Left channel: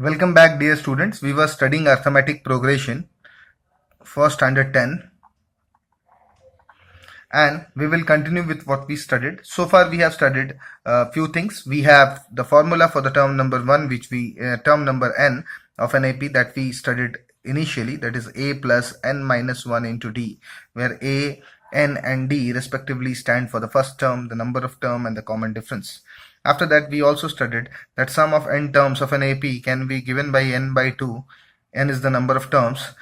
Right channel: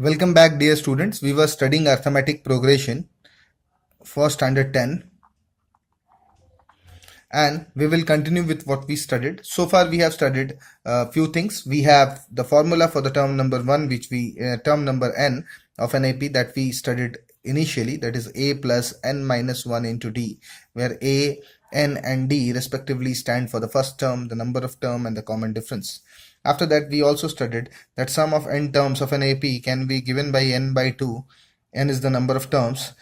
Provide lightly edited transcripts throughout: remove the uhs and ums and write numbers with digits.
Welcome back, dear students. We were studying arithmetic progression for standard 10 and we will continue with what we studied. So far we have studied a few things. We have the formula for the term number 1 which term number n of an AP that we studied initially, that is a plus n minus 1 into d, where a, n and d respectively stand for the first term, the number of term and the common difference. After that, we also studied that sum of n terms of an AP can be given by n by 2. N is the number of terms.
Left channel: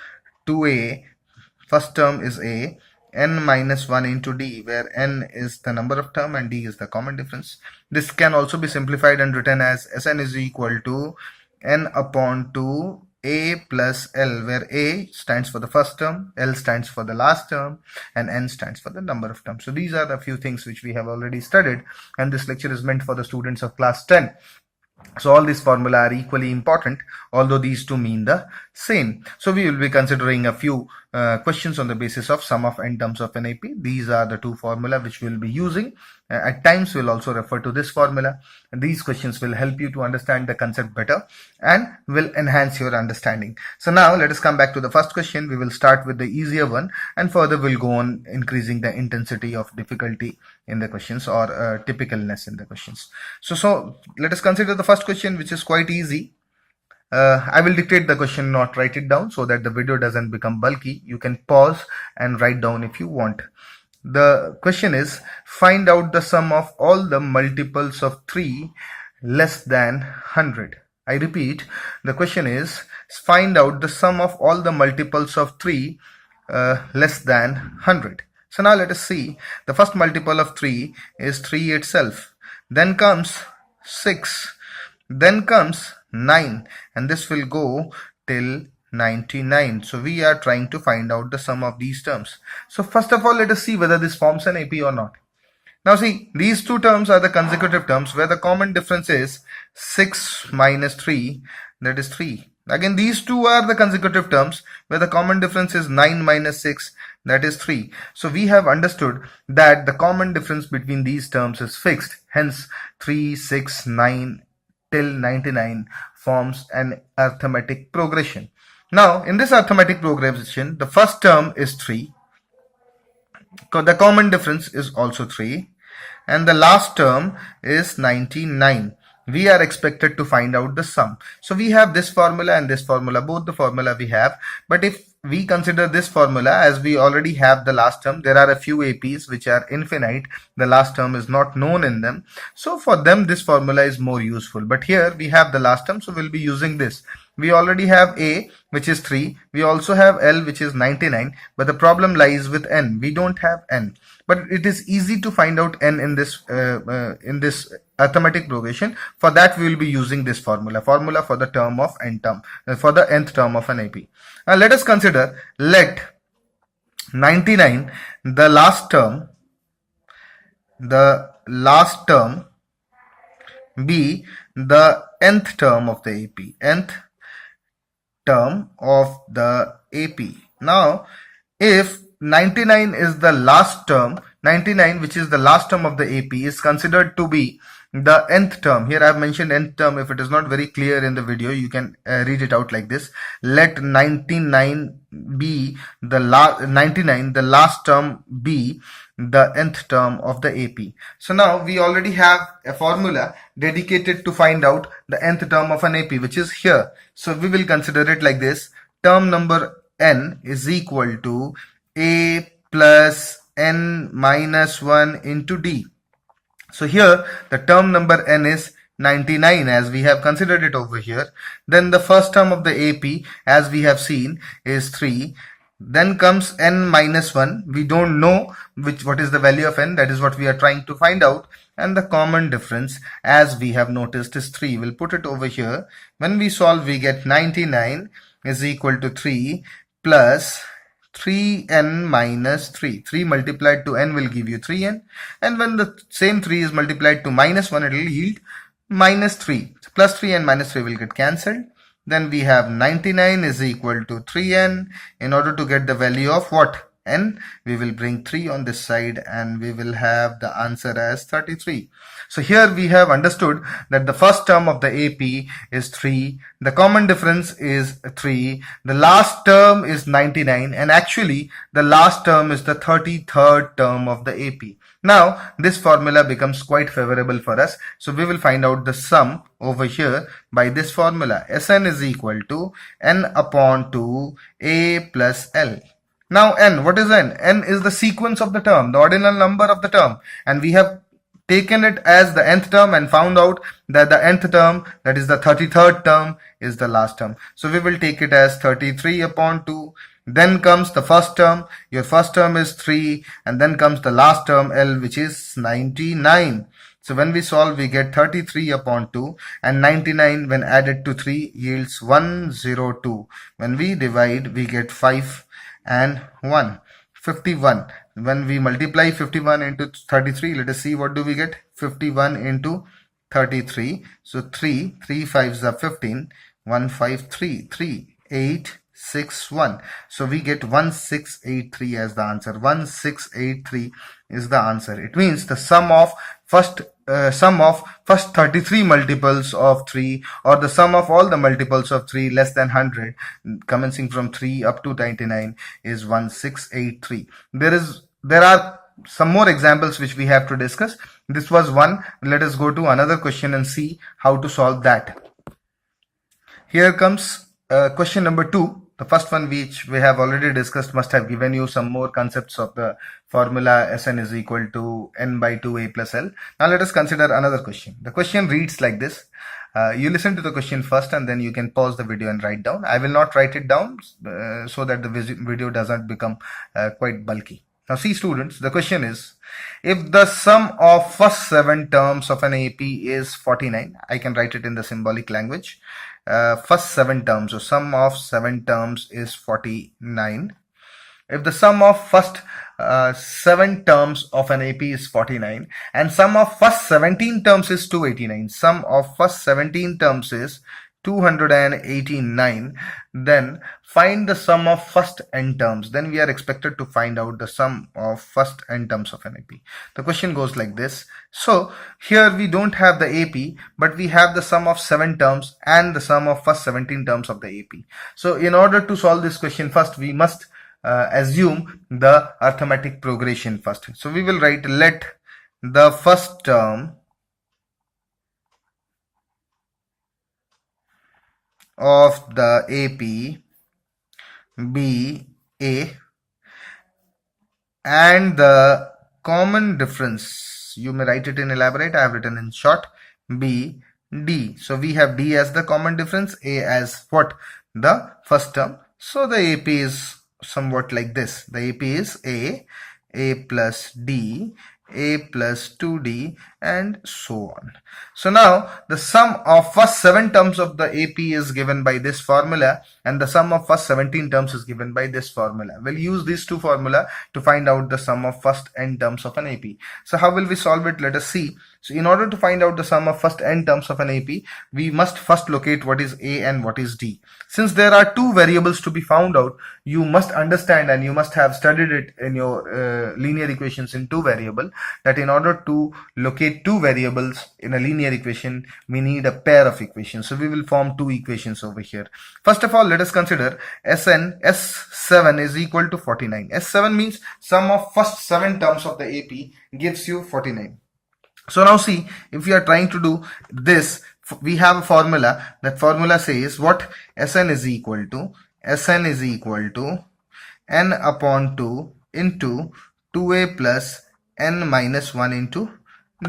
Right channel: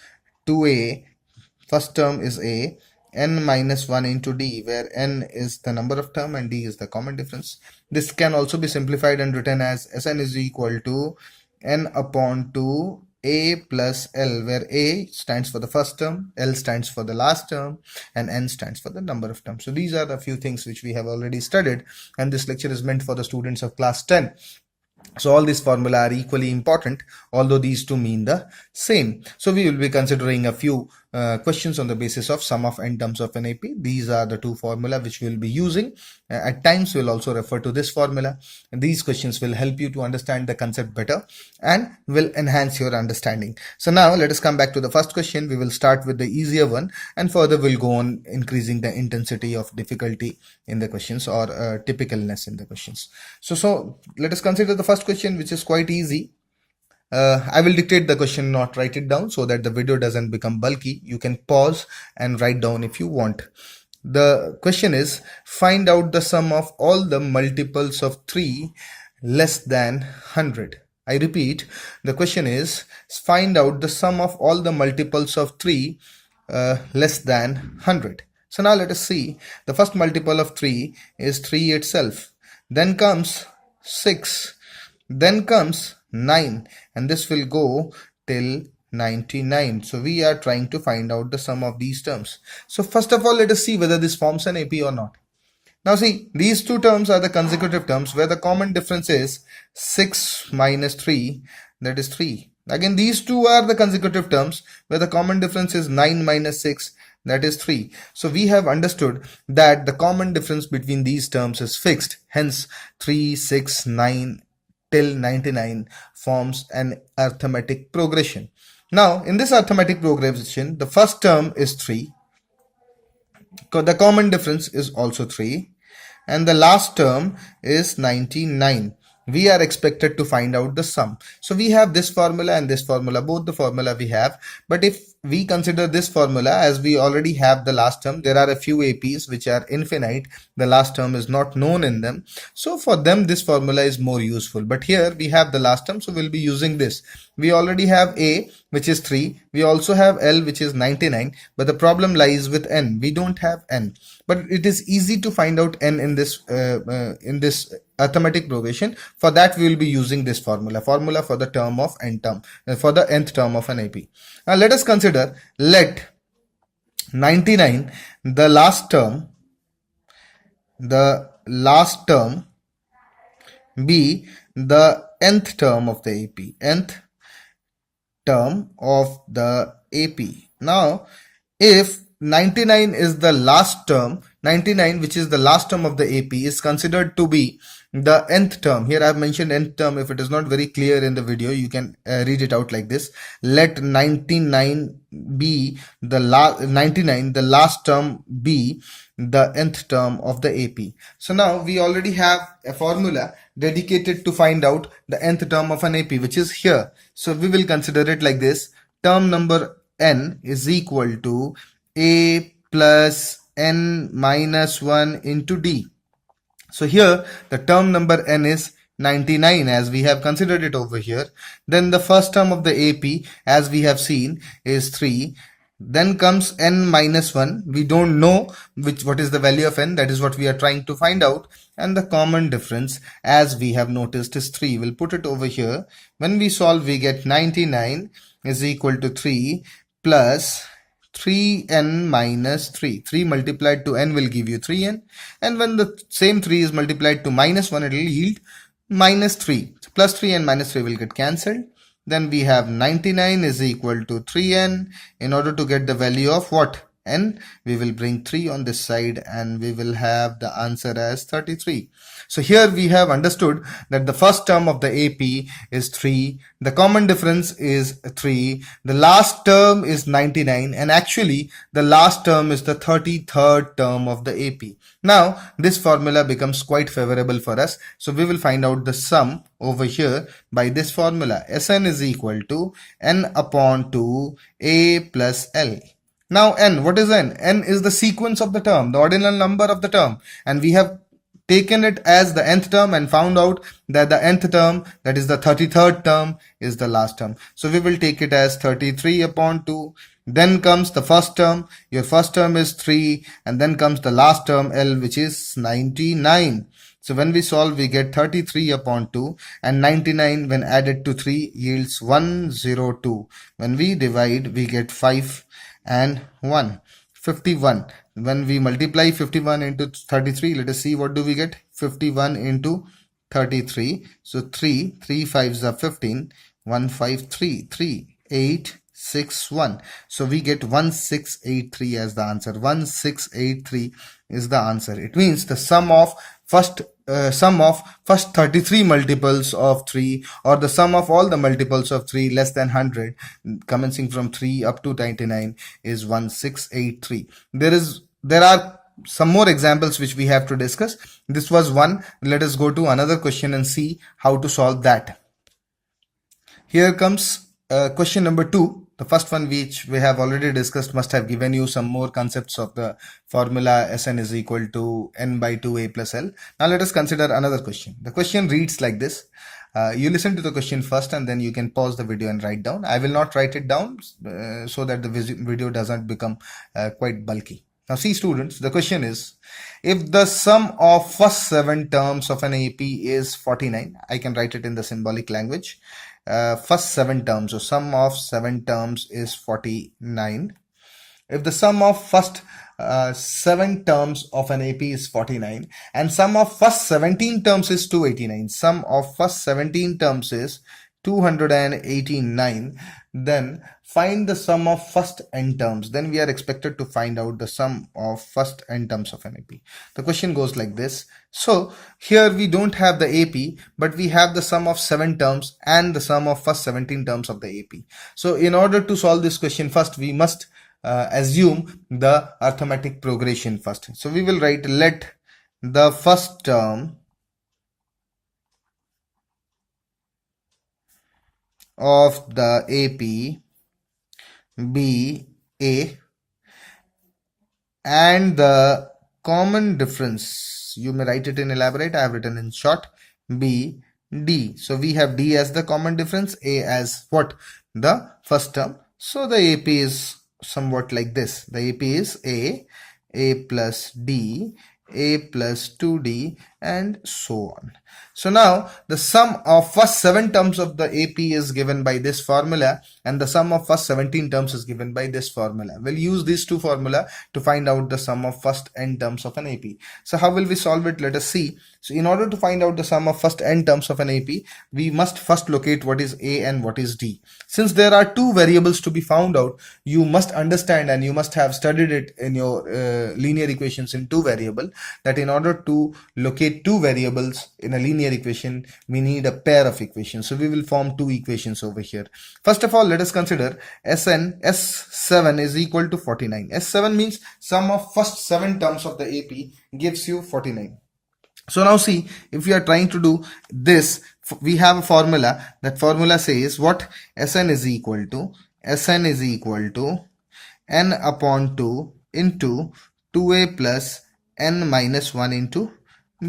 2a, first term is a, n minus 1 into d, where n is the number of term and d is the common difference. This can also be simplified and written as Sn is equal to n upon 2 a plus l, where a stands for the first term, l stands for the last term, and n stands for the number of terms. So these are the few things which we have already studied, and this lecture is meant for the students of class 10. So all these formula are equally important, although these two mean the same. So we will be considering a few questions on the basis of sum of n terms of an AP. These are the two formula which we will be using. At times we'll also refer to this formula. These questions will help you to understand the concept better and will enhance your understanding. So now let us come back to the first question. We will start with the easier one and further we'll go on increasing the intensity of difficulty in the questions or typicalness in the questions. So let us consider the first question, which is quite easy. I will dictate the question, not write it down, so that the video doesn't become bulky. You can pause and write down if you want. The question is, find out the sum of all the multiples of 3 less than 100. I repeat, the question is, find out the sum of all the multiples of 3 less than 100. So now let us see. The first multiple of 3 is 3 itself. Then comes 6. Then comes 9, and this will go till 99. So we are trying to find out the sum of these terms. So first of all, let us see whether this forms an AP or not. Now see, these two terms are the consecutive terms where the common difference is 6 minus 3, that is 3. Again, these two are the consecutive terms where the common difference is 9 minus 6, that is 3. So we have understood that the common difference between these terms is fixed. Hence 3, 6, 9 till 99 forms an arithmetic progression. Now in this arithmetic progression, the first term is 3. The common difference is also 3. And the last term is 99. We are expected to find out the sum. So we have this formula and this formula, both the formula we have. But if we consider this formula, as we already have the last term, there are a few APs which are infinite. The last term is not known in them. So for them, this formula is more useful. But here we have the last term, so we'll be using this. We already have A, which is 3. We also have L, which is 99. But the problem lies with N. We don't have N. But it is easy to find out N in this arithmetic progression. For that, we will be using this formula for the term of n term, for the nth term of an AP. Now let us consider, let 99, the last term be the nth term of the AP, nth term of the AP. Now, if 99 is the last term, 99, which is the last term of the AP, is considered to be the nth term. Here I have mentioned nth term. If it is not very clear in the video, you can read it out like this. Let 99 be the last term be the nth term of the AP. So now we already have a formula dedicated to find out the nth term of an AP, which is here. So we will consider it like this. Term number n is equal to a plus n minus 1 into d. So here the term number n is 99 as we have considered it over here. Then the first term of the AP, as we have seen, is 3. Then comes n minus 1. We don't know what is the value of n. That is what we are trying to find out. And the common difference, as we have noticed, is 3. We'll put it over here. When we solve, we get 99 is equal to 3 plus 3n minus 3. 3 multiplied to n will give you 3n. And when the same 3 is multiplied to minus 1, it will yield minus 3. Plus 3 and minus 3 will get cancelled. Then we have 99 is equal to 3n. In order to get the value of what? n, we will bring 3 on this side, and we will have the answer as 33. So here we have understood that the first term of the AP is 3, the common difference is 3, the last term is 99, and actually the last term is the 33rd term of the AP. Now this formula becomes quite favorable for us, so we will find out the sum over here by this formula. Sn is equal to n upon 2 a plus l. Now n, what is n? N is the sequence of the term, the ordinal number of the term, and we have taken it as the nth term and found out that the nth term, that is the 33rd term, is the last term. So we will take it as 33 upon 2. Then comes the first term. Your first term is 3, and then comes the last term L, which is 99. So when we solve, we get 33 upon 2, and 99 when added to 3 yields 102. When we divide, we get 5 and 1. 51. When we multiply 51 into 33, let us see what do we get. 51 into 33. So 3 5s are 15. 1 5 3 3 8 6 1. So we get 1683 as the answer. 1683 is the answer. It means the sum of first 33 multiples of 3, or the sum of all the multiples of 3 less than 100, commencing from 3 up to 99, is 1683. There are some more examples which we have to discuss. This was one. Let us go to another question and see how to solve that. Here comes question number 2. The first one, which we have already discussed, must have given you some more concepts of the formula Sn is equal to n by 2a plus l. Now let us consider another question. The question reads like this. You listen to the question first, and then you can pause the video and write down. I will not write it down so that the video does not become quite bulky. Now see students, the question is, if the sum of first 7 terms of an AP is 49, I can write it in the symbolic language. First 7 terms, so sum of 7 terms is 49. If the sum of first 7 terms of an AP is 49, and sum of first 17 terms is 289, sum of first 17 terms is 289, then find the sum of first n terms. Then we are expected to find out the sum of first n terms of an AP. The question goes like this. So here we don't have the AP, but we have the sum of 7 terms and the sum of first 17 terms of the AP. So in order to solve this question, first we must assume the arithmetic progression first. So we will write, let the first term of the AP be A, and the common difference, you may write it in elaborate, I have written in short, be D. So we have D as the common difference, A as what? The first term. So the AP is somewhat like this. The AP is A plus D, A plus 2D, and so on. So now the sum of first 7 terms of the AP is given by this formula, and the sum of first 17 terms is given by this formula. We'll use these two formula to find out the sum of first n terms of an AP. So how will we solve it? Let us see. So in order to find out the sum of first n terms of an AP, we must first locate what is A and what is D. Since there are 2 variables to be found out, you must understand, and you must have studied it in your linear equations in 2 variable, that in order to locate 2 variables in a linear equation, we need a pair of equations. So we will form 2 equations over here. First of all, let us consider S7 is equal to 49. S7 means sum of first 7 terms of the AP gives you 49. So now see, if we are trying to do this, we have a formula. That formula says what? Sn is equal to n upon 2 into 2a plus n minus 1 into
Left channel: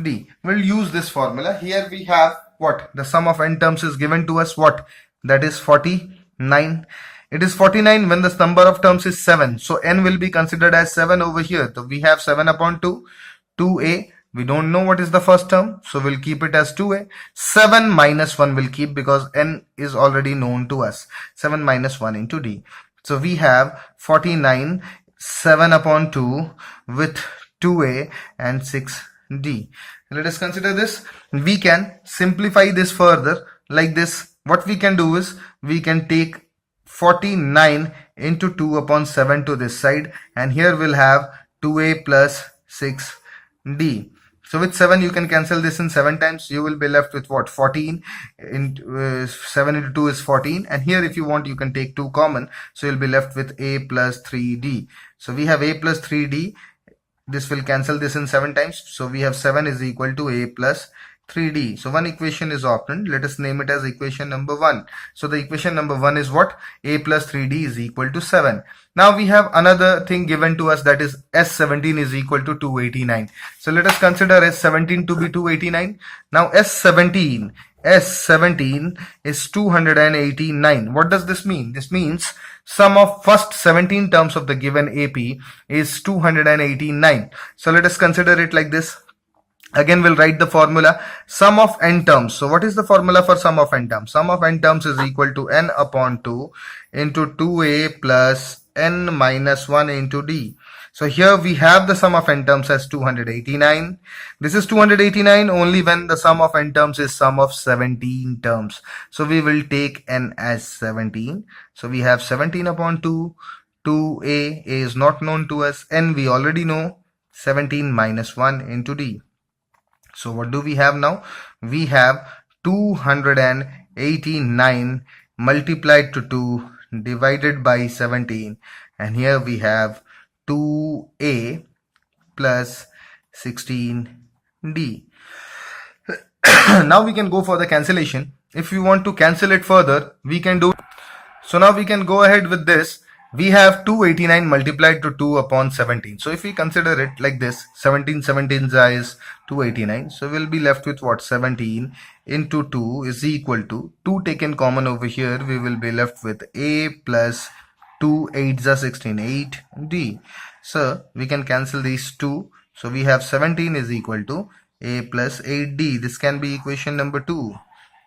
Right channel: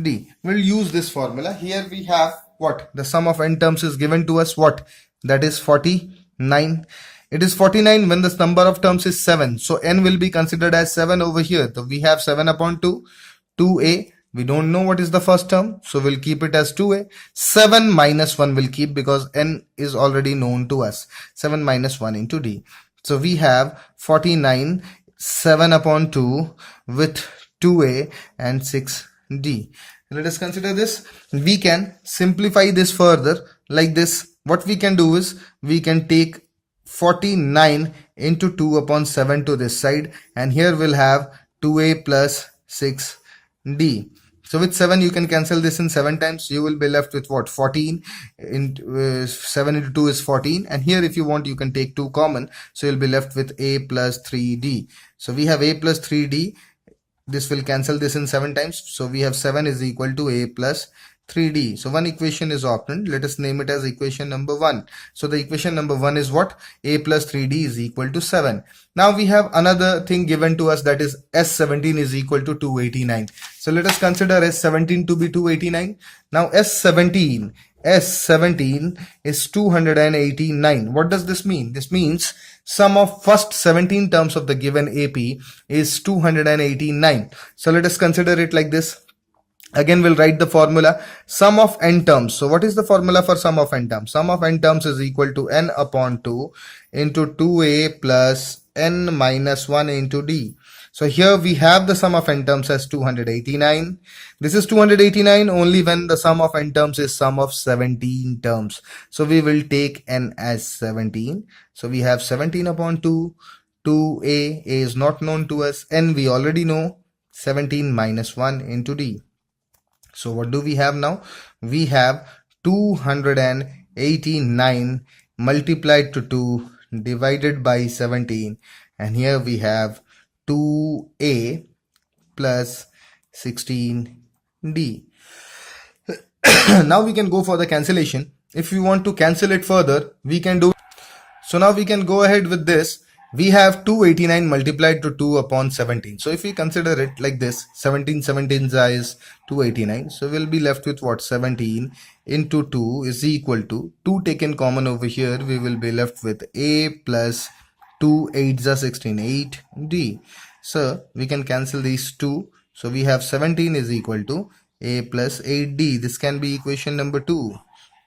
D. We'll use this formula. Here we have what? The sum of n terms is given to us what? That is 49. It is 49 when the number of terms is 7. So n will be considered as 7 over here. So we have 7 upon 2, 2a. We don't know what is the first term, so we'll keep it as 2a. 7 minus 1 will keep, because n is already known to us. 7 minus 1 into D. So we have 49, 7 upon 2 with 2a and 6d. Let us consider this. We can simplify this further like this. What we can do is, we can take 49 into 2 upon 7 to this side, and here we'll have 2a plus 6d. So with 7 you can cancel this in 7 times. You will be left with what? 14 into 7 into 2 is 14, and here if you want you can take 2 common, so you'll be left with a plus 3d. So we have a plus 3d. This will cancel this in 7 times, so we have 7 is equal to a plus 3d. So one equation is obtained. Let us name it as equation number 1. So the equation number 1 is what? A plus 3d is equal to 7. Now we have another thing given to us, that is S17 is equal to 289. So let us consider S17 to be 289. Now S17 is 289. What does this mean? This means sum of first 17 terms of the given AP is 289. So let us consider it like this. Again, we'll write the formula, sum of n terms. So what is the formula for sum of n terms? Sum of n terms is equal to n upon 2 into 2a plus n minus 1 into d. So here we have the sum of n terms as 289. This is 289 only when the sum of n terms is sum of 17 terms. So we will take n as 17. So we have 17 upon 2. 2a is not known to us. N we already know. 17 minus 1 into d. So what do we have now? We have 289 multiplied to 2 divided by 17, and here we have 2a plus 16d. Now we can go for the cancellation. If we want to cancel it further, we can do. So now we can go ahead with this. We have 289 multiplied to 2 upon 17. So if we consider it like this, 17 is 289. So we'll be left with what? 17 into 2 is equal to 2 taken common over here. We will be left with a plus 2 8s are 16, 8d. So we can cancel these 2. So we have 17 is equal to a plus 8d. This can be equation number 2.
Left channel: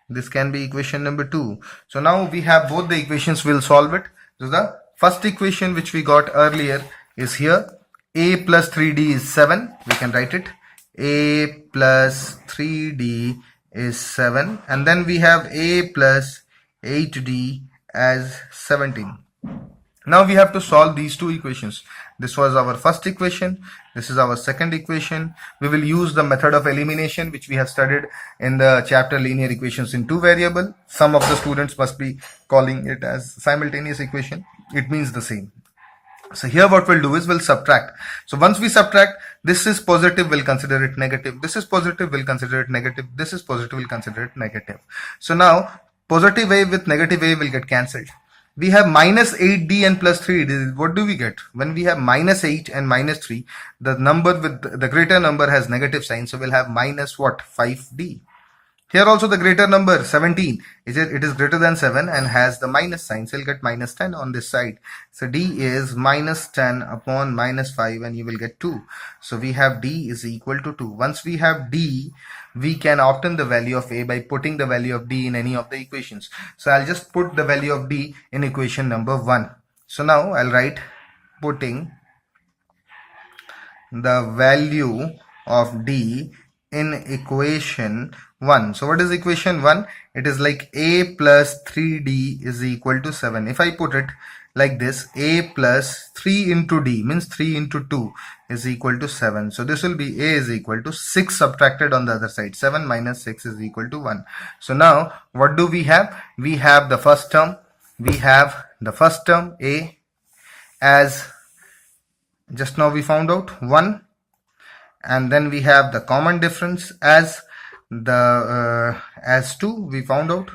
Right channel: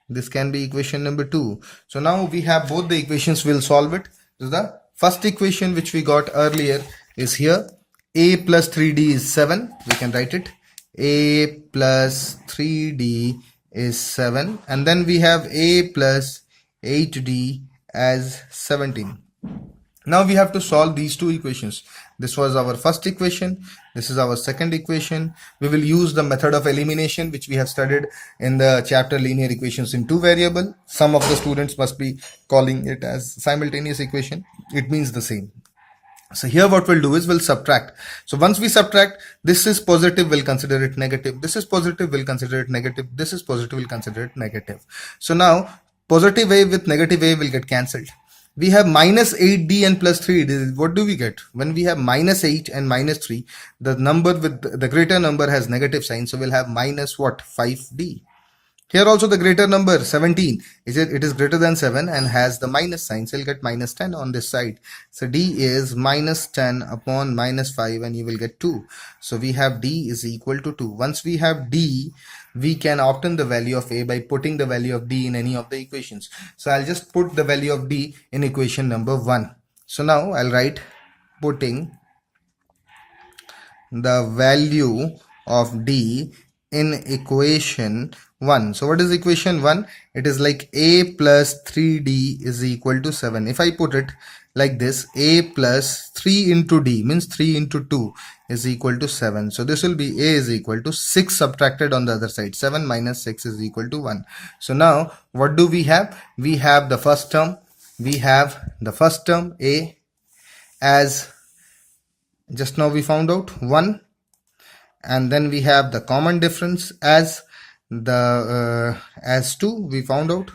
This can be equation number 2. So now we have both the equations. We'll solve it. So the first equation which we got earlier is here. A plus 3d is 7. We can write it. A plus 3d is 7. And then we have a plus 8d as 17. Now we have to solve these two equations. This was our first equation. This is our second equation. We will use the method of elimination which we have studied in the chapter linear equations in two variable. Some of the students must be calling it as simultaneous equation. It means the same. So here what we'll do is we'll subtract. So once we subtract, this is positive, we'll consider it negative. This is positive, we'll consider it negative. This is positive, we'll consider it negative. So now positive a with negative a will get cancelled. We have minus 8d and plus 3d. What do we get? When we have minus 8 and minus 3, the number with the greater number has negative sign. So we'll have minus what? 5d. Here also the greater number 17, it is greater than 7 and has the minus sign. So you'll get minus 10 on this side. So d is minus 10 upon minus 5 and you will get 2. So we have d is equal to 2. Once we have d, we can obtain the value of a by putting the value of d in any of the equations. So I'll just put the value of d in equation number 1. So now I'll write putting the value of d in equation 1. So what is equation 1? It is like a plus 3d is equal to 7. If I put it like this, a plus 3 into d means 3 into 2 is equal to 7. So this will be a is equal to 6 subtracted on the other side. 7 minus 6 is equal to 1. So now what do we have? We have the first term. We have the first term a as just now we found out 1. And then we have the common difference as 2 we found out.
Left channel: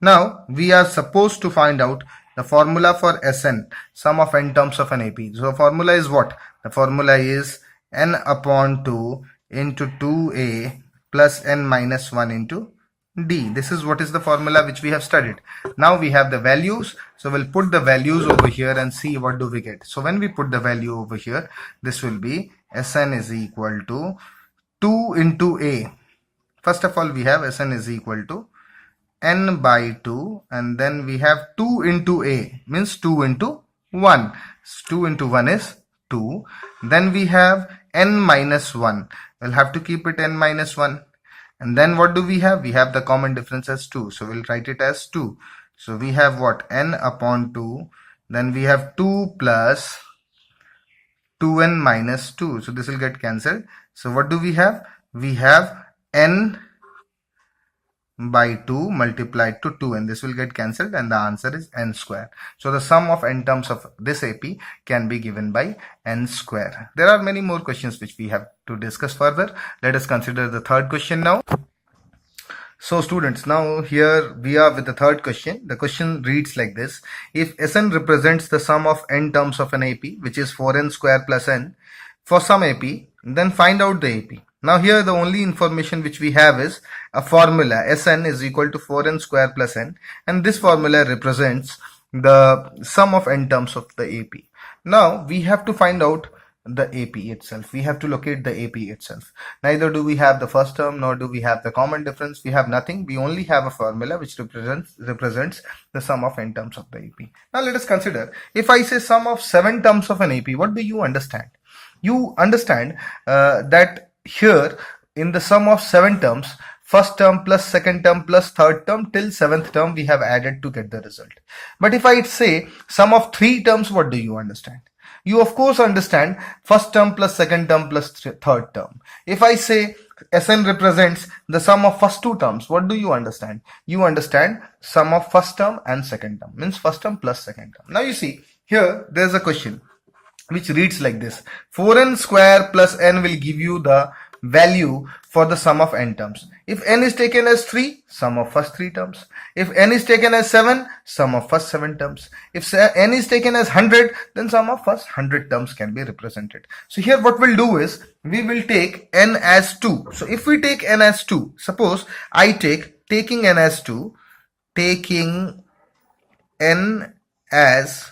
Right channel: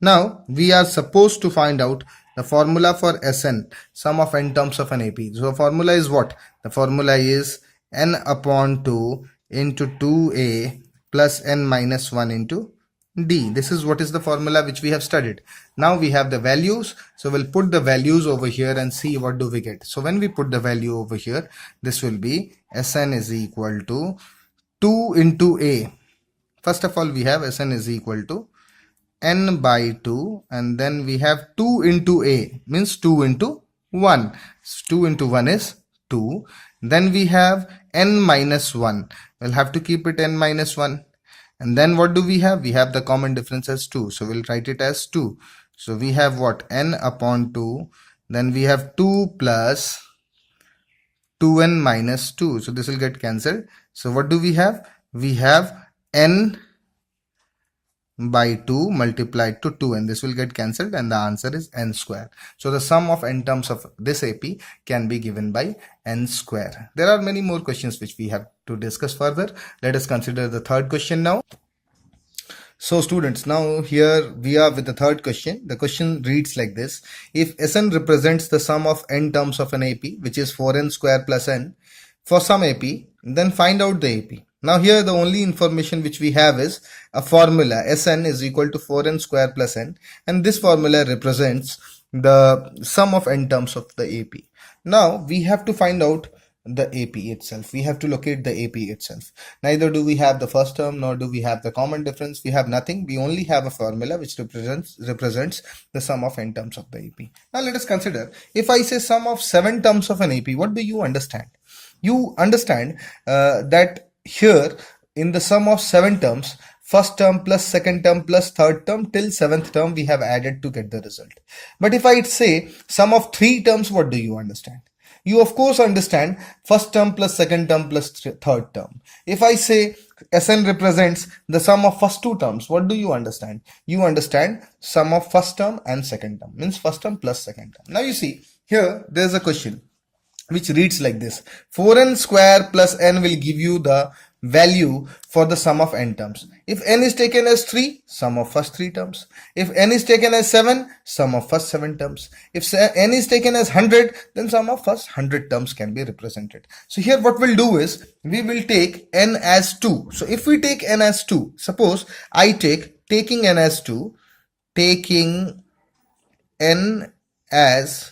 Now we are supposed to find out the formula for Sn, sum of n terms of an AP. So formula is what? The formula is n upon 2 into 2a plus n minus 1 into d. This is what is the formula which we have studied. Now we have the values. So we'll put the values over here and see what do we get. So when we put the value over here, this will be Sn is equal to 2 into a. First of all, we have Sn is equal to n by 2, and then we have 2 into a means 2 into 1. 2 into 1 is 2. Then we have n minus 1. We'll have to keep it n minus 1. And then what do we have? We have the common difference as 2. So we'll write it as 2. So we have what? N upon 2. Then we have 2 plus 2n minus 2. So this will get cancelled. So what do we have? We have n by 2 multiplied to 2, and this will get cancelled, and the answer is n square. So the sum of n terms of this AP can be given by n square. There are many more questions which we have to discuss further. Let us consider the third question now. So students, now here we are with the third question. The question reads like this: if Sn represents the sum of n terms of an AP, which is 4n square plus n, for some AP, then find out the AP. Now here the only information which we have is a formula. Sn is equal to 4n square plus n, and this formula represents the sum of n terms of the AP. Now we have to find out the AP itself. We have to locate the AP itself. Neither do we have the first term, nor do we have the common difference. We have nothing. We only have a formula which represents the sum of n terms of the AP. Now let us consider, if I say sum of 7 terms of an AP, what do you understand? You understand that here in the sum of 7 terms, first term plus second term plus third term till 7th term we have added to get the result. But if I say sum of 3 terms, what do you understand? You of course understand first term plus second term plus third term. If I say Sn represents the sum of first 2 terms, what do you understand? You understand sum of first term and second term, means first term plus second term. Now you see here there is a question which reads like this: 4n square plus n will give you the value for the sum of n terms. If n is taken as 3, sum of first 3 terms. If n is taken as 7, sum of first 7 terms. If n is taken as 100, then sum of first 100 terms can be represented. So here what we'll do is, we will take n as 2. So if we take n as 2, suppose I taking n as 2, taking n as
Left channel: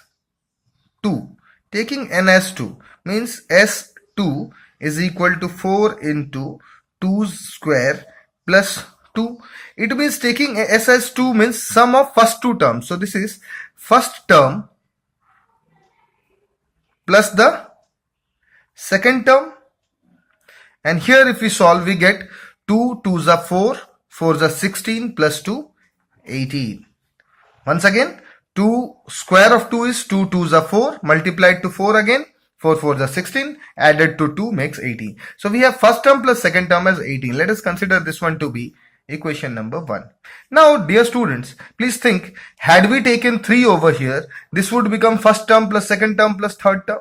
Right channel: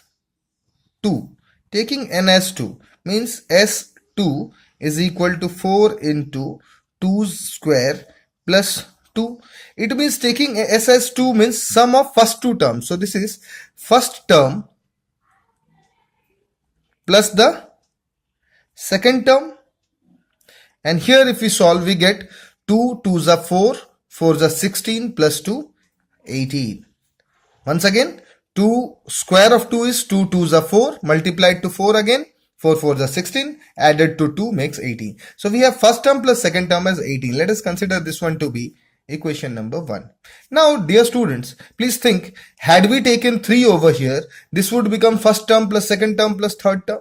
2. Taking n as 2 means S2 is equal to 4 into 2 square plus 2. It means taking S as 2 means sum of first 2 terms. So this is first term plus the second term. And here if we solve, we get 2 2s are 4, 4s are 16 plus 2, 18. Once again, 2 square of 2 is 2 2s are 4, multiplied to 4 again, 4 4s are 16, added to 2 makes 18. So we have first term plus second term as 18. Let us consider this one to be equation number 1. Now dear students, please think, had we taken 3 over here, this would become first term plus second term plus third term.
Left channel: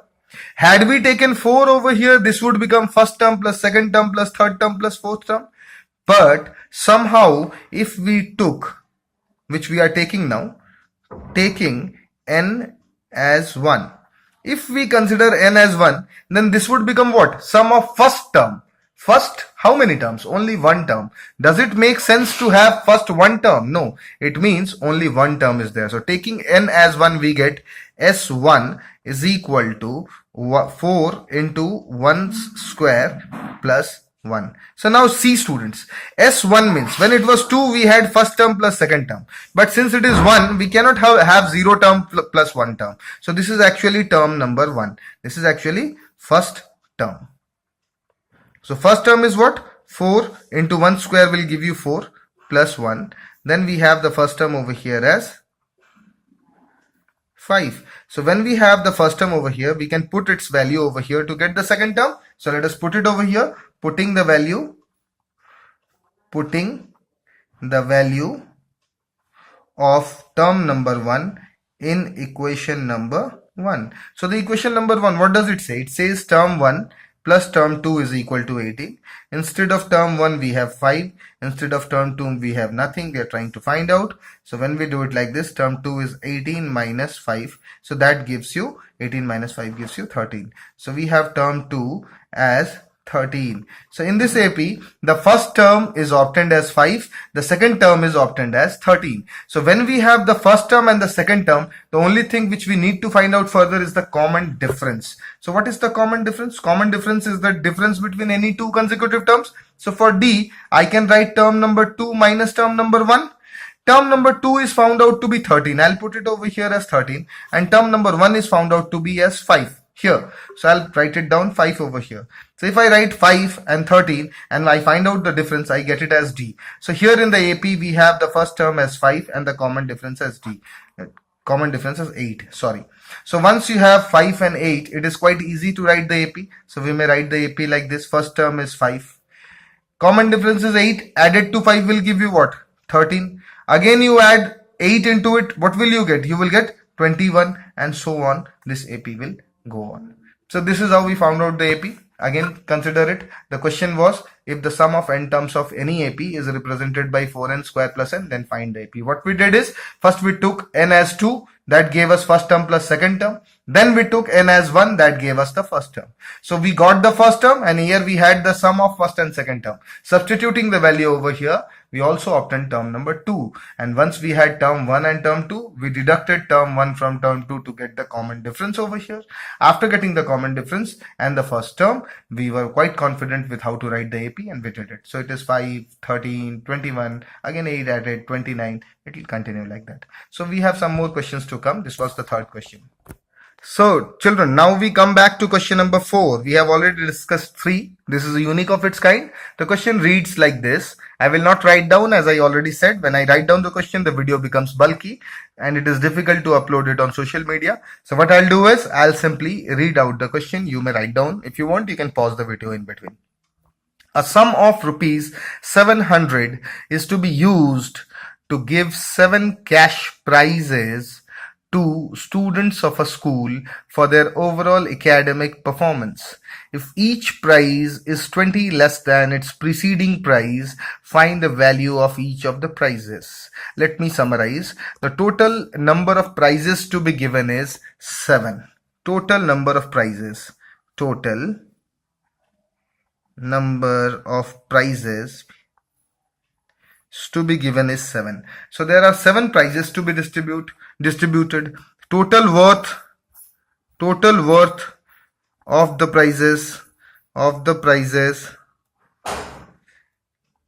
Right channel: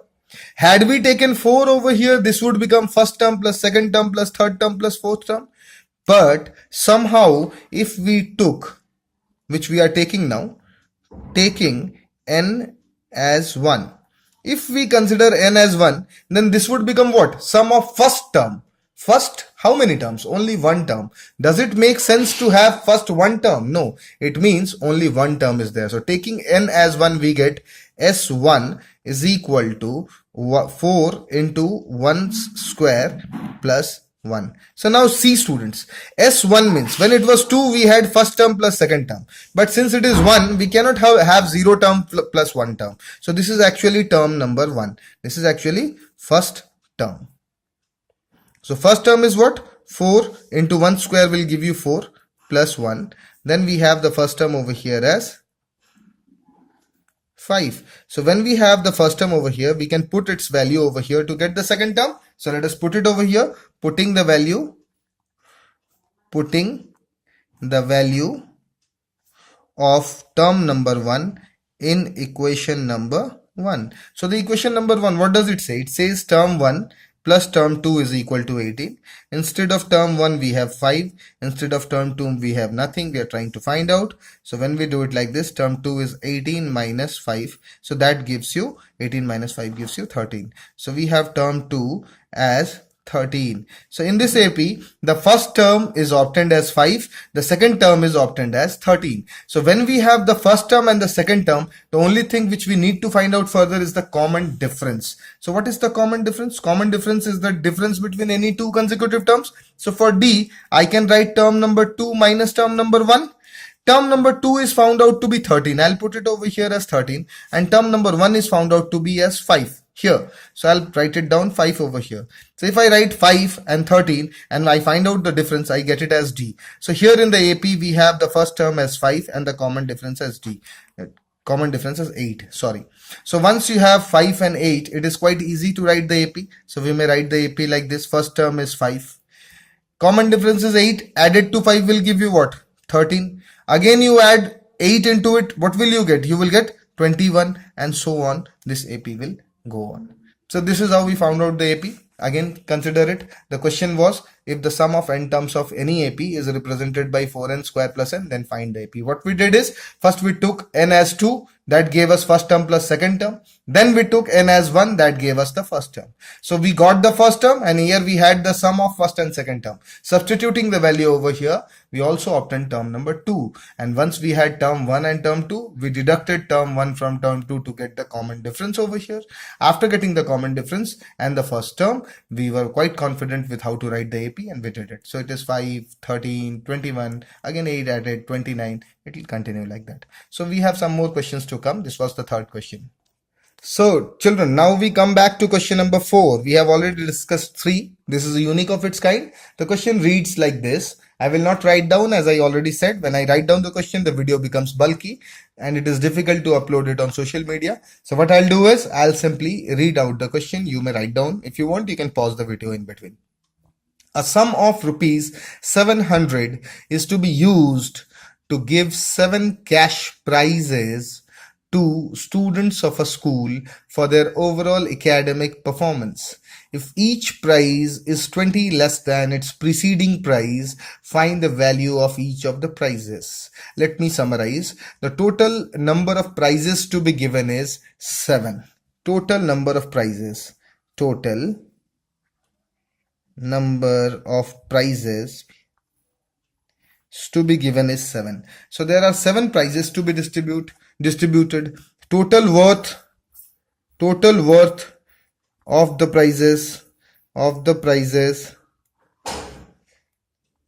Had we taken 4 over here, this would become first term plus second term plus third term plus fourth term. But somehow if we took, which we are taking now, taking n as 1. If we consider n as 1, then this would become what? Sum of first term. First, how many terms? Only one term. Does it make sense to have first one term? No. It means only one term is there. So taking n as 1, we get S1 is equal to 4 into 1 square plus 1. So now see students, S1 means when it was 2 we had first term plus second term, but since it is 1 we cannot have 0 term plus 1 term. So this is actually term number 1. This is actually first term. So first term is what? 4 into 1 square will give you 4 plus 1. Then we have the first term over here as 5. So when we have the first term over here, we can put its value over here to get the second term. So let us put it over here, putting the value of term number 1 in equation number 1. So the equation number 1, what does it say? It says term 1 plus term 2 is equal to 18. Instead of term 1 we have 5. Instead of term 2 we have nothing. We are trying to find out. So when we do it like this, term 2 is 18 minus 5. So that gives you 18 minus 5 gives you 13. So we have term 2 as 13. So in this AP, the first term is obtained as 5, the second term is obtained as 13. So when we have the first term and the second term, the only thing which we need to find out further is the common difference. So what is the common difference? Common difference is the difference between any two consecutive terms. So for D, I can write term number 2 minus term number 1. Term number 2 is found out to be 13. I'll put it over here as 13. And term number 1 is found out to be as 5 here. So I'll write it down 5 over here. So if I write 5 and 13 and I find out the difference, I get it as D. So here in the AP, we have the first term as 5 and the common difference as D. common difference is 8, sorry. So once you have 5 and 8, it is quite easy to write the AP. So we may write the AP like this. First term is 5. Common difference is 8. Added to 5 will give you what? 13. Again you add 8 into it. What will you get? You will get 21, and so on. This AP will go on. So this is how we found out the AP. Again, consider it. The question was, if the sum of n terms of any AP is represented by 4n square plus n, then find the AP. What we did is, first we took n as 2, that gave us first term plus second term. Then we took n as 1, that gave us the first term. So we got the first term, and here we had the sum of first and second term. Substituting the value over here, we also obtained term number 2. And once we had term 1 and term 2, we deducted term 1 from term 2 to get the common difference over here. After getting the common difference and the first term, we were quite confident with how to write the AP, and we did it. So it is 5, 13, 21, again 8 added, 29. It will continue like that. So we have some more questions to come. This was the third question. So children, now we come back to question number 4. We have already discussed 3. This is a unique of its kind. The question reads like this. I will not write down, as I already said. When I write down the question, the video becomes bulky and it is difficult to upload it on social media. So what I'll do is, I'll simply read out the question. You may write down. If you want, you can pause the video in between. A sum of rupees 700 is to be used to give 7 cash prizes to students of a school for their overall academic performance. If each prize is 20 less than its preceding prize, find the value of each of the prizes. Let me summarize. The total number of prizes to be given is 7. Total number of prizes. Total number of prizes to be given is 7. So there are 7 prizes to be distributed. Total worth of the prizes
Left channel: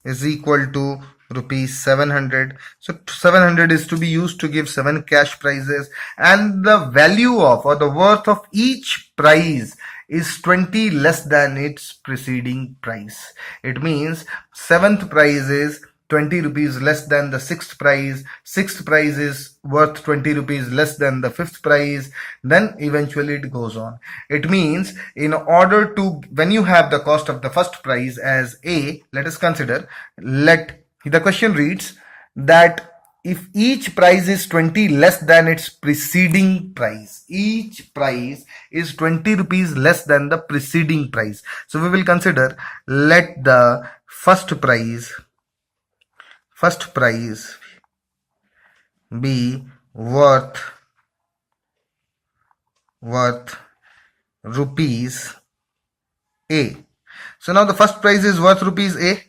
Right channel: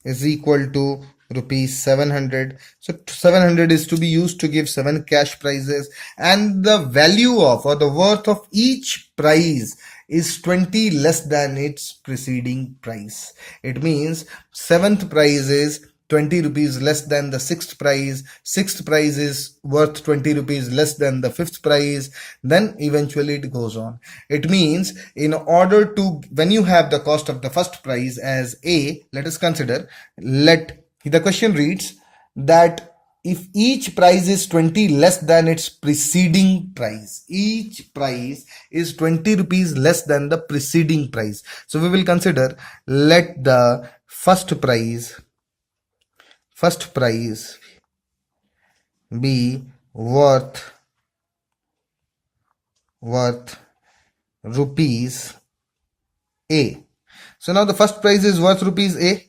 is equal to rupees 700. So 700 is to be used to give 7 cash prizes, and the value of, or the worth of, each prize is 20 less than its preceding price. It means 7th prize is 20 rupees less than the 6th prize. 6th prize is worth 20 rupees less than the 5th prize. Then eventually it goes on. It means, in order to, when you have the cost of the first prize as A, let us consider, the question reads that if each prize is 20 less than its preceding price, each prize is 20 rupees less than the preceding price. So we will consider, let the first prize be worth rupees A. So now the first prize is worth rupees A.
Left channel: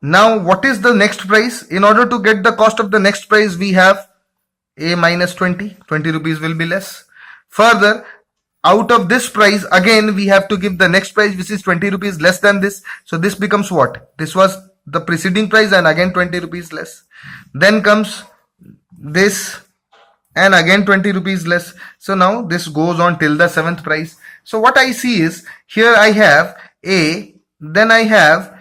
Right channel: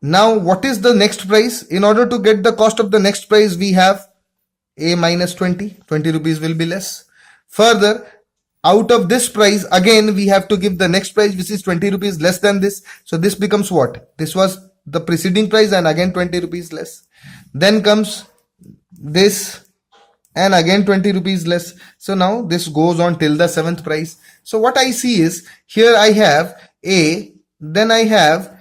Now what is the next price? In order to get the cost of the next price, we have A minus 20. 20 rupees will be less. Further, out of this price, again we have to give the next price, which is 20 rupees less than this. So this becomes what? This was the preceding price, and again 20 rupees less. Then comes this, and again 20 rupees less. So now this goes on till the 7th price. So what I see is, here I have A, then I have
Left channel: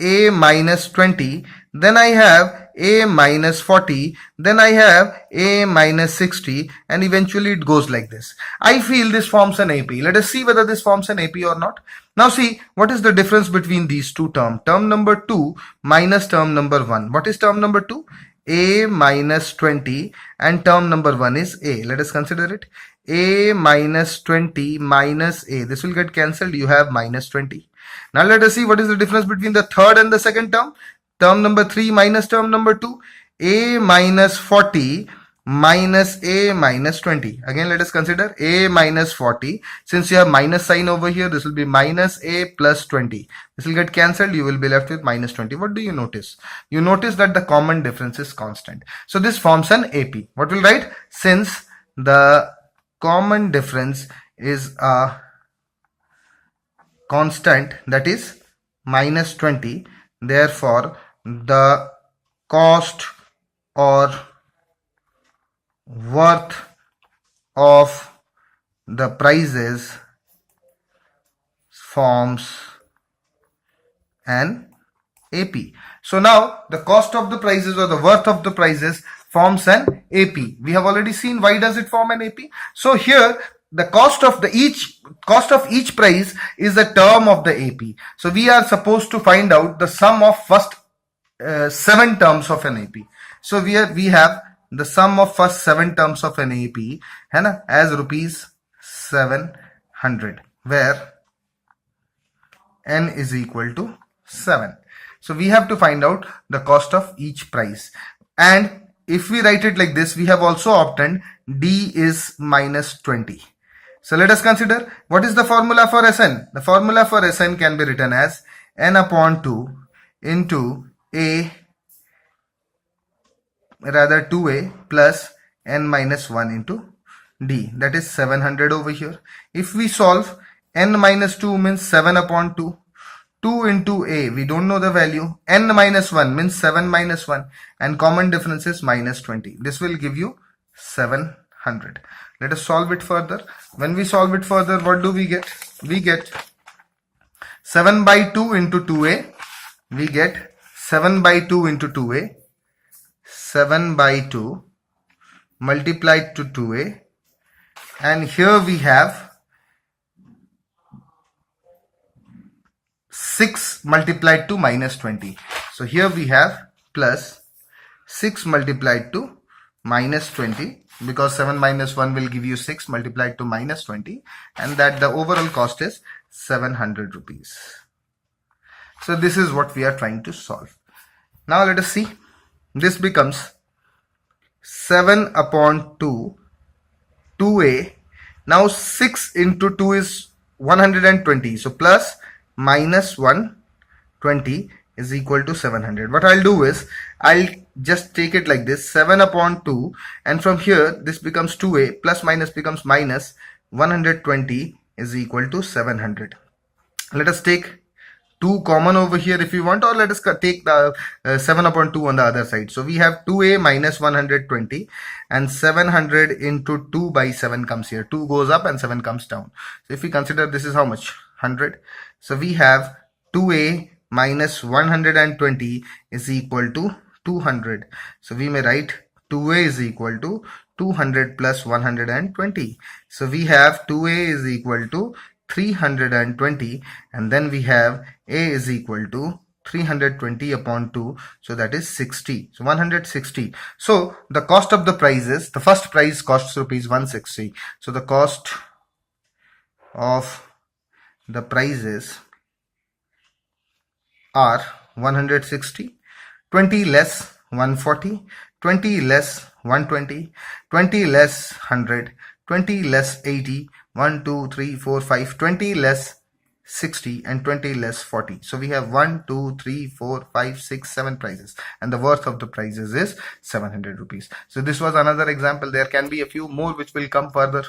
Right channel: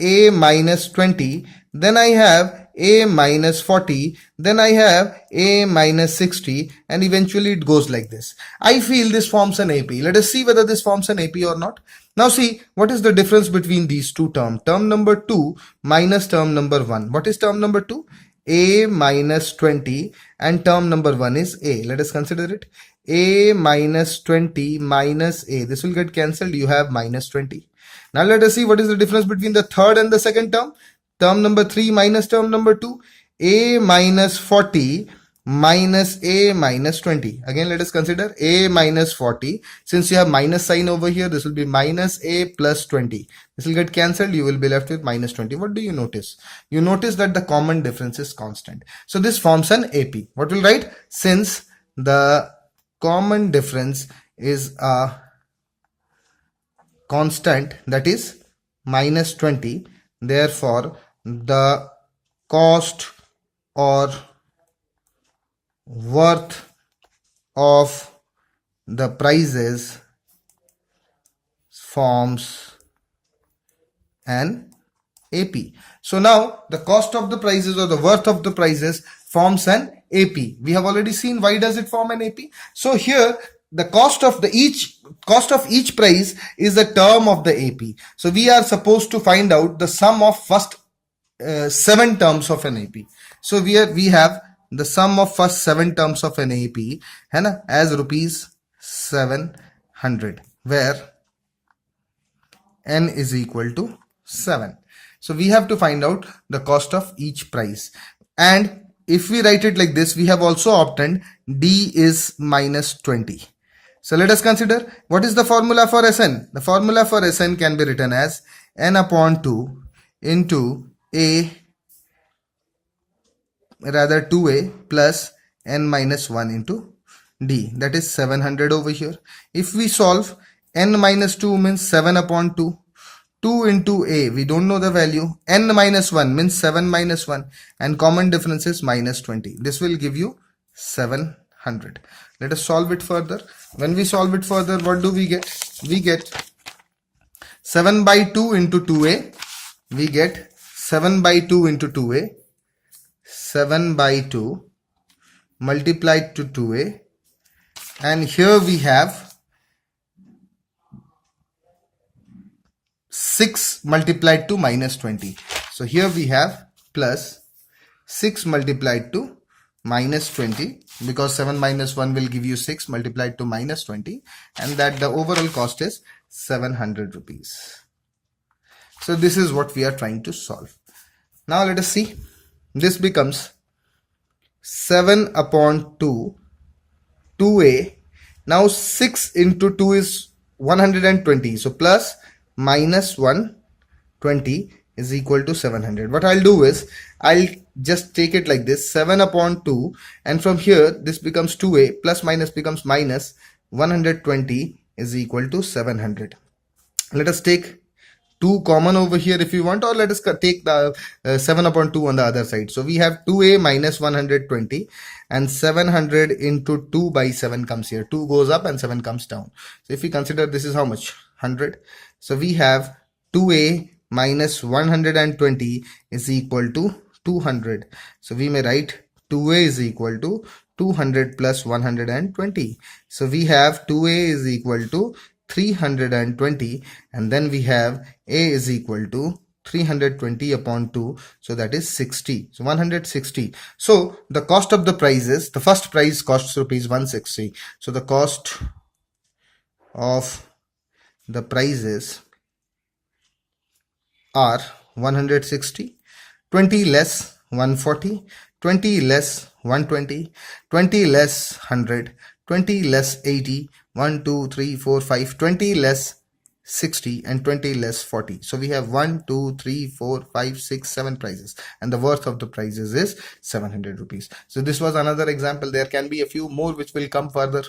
A minus 20, then I have A minus 40, then I have A minus 60, and eventually it goes like this. I feel this forms an AP. Let us see whether this forms an AP or not. Now see, what is the difference between these two terms? Term number 2 minus term number 1. What is term number 2? A minus 20, and term number 1 is A. Let us consider it. A minus 20 minus A. This will get cancelled. You have minus 20. Now let us see what is the difference between the third and the second term. Term number 3 minus term number 2. A minus 40 minus A minus 20. Again, let us consider A minus 40. Since you have minus sign over here, this will be minus A plus 20. This will get cancelled. You will be left with minus 20. What do you notice? You notice that the common difference is constant. So this forms an AP. What will write? Since the common difference is a constant, that is minus 20, therefore the cost or worth of the prizes forms an AP. So now the cost of the prizes or the worth of the prizes forms an AP. We have already seen why does it form an AP. So here the cost of each price is a term of the AP. So we are supposed to find out the sum of first 7 terms of an AP. So we have the sum of first 7 terms of an AP है ना, as rupees 700, where n is equal to 7. So we have to find out the cost of each price. And if we write it like this, we have also obtained D is minus 20. So let us consider what is the formula for Sn. The formula for Sn can be written as n upon 2 into a, rather 2a plus n minus 1 into d, that is 700 over here. If we solve, n minus 2 means 7 upon 2. 2 into a, we don't know the value. N minus 1 means 7 minus 1, and common difference is minus 20. This will give you 700. Let us solve it further. When we solve it further, what do we get? We get 7 by 2 into 2a. We get 7 by 2 into 2a. 7 by 2 multiplied to 2a. And here we have 6 multiplied to minus 20. So here we have plus 6 multiplied to minus 20, because 7 minus 1 will give you 6 multiplied to minus 20, and that the overall cost is 700 rupees. So this is what we are trying to solve. Now let us see. This becomes 7 upon 2, 2a. Now 6 into 2 is 120. So plus minus 120 is equal to 700. What I'll do is, I'll just take it like this, 7 upon 2, and from here this becomes 2a, plus minus becomes minus, 120 is equal to 700. Let us take 2 common over here if you want, or let us take the 7 upon 2 on the other side. So we have 2a minus 120, and 700 into 2 by 7 comes here. 2 goes up and 7 comes down. So if we consider, this is how much? 100. So we have 2a minus 120 is equal to 200. So we may write 2a is equal to 200 plus 120. So we have 2a is equal to 320, and then we have a is equal to 320 upon 2, so that is 60. So 160. So the cost of the price is, the first price costs rupees 160. So the cost of the prices are 160, 20 less 140, 20 less 120, 20 less 100, 20 less 80, 1, 2, 3, 4, 5, 20 less 60, and 20 less 40. So we have 1, 2, 3, 4, 5, 6, 7 prices, and the worth of the prices is 700 rupees. So this was another example. There can be a few more which will come further.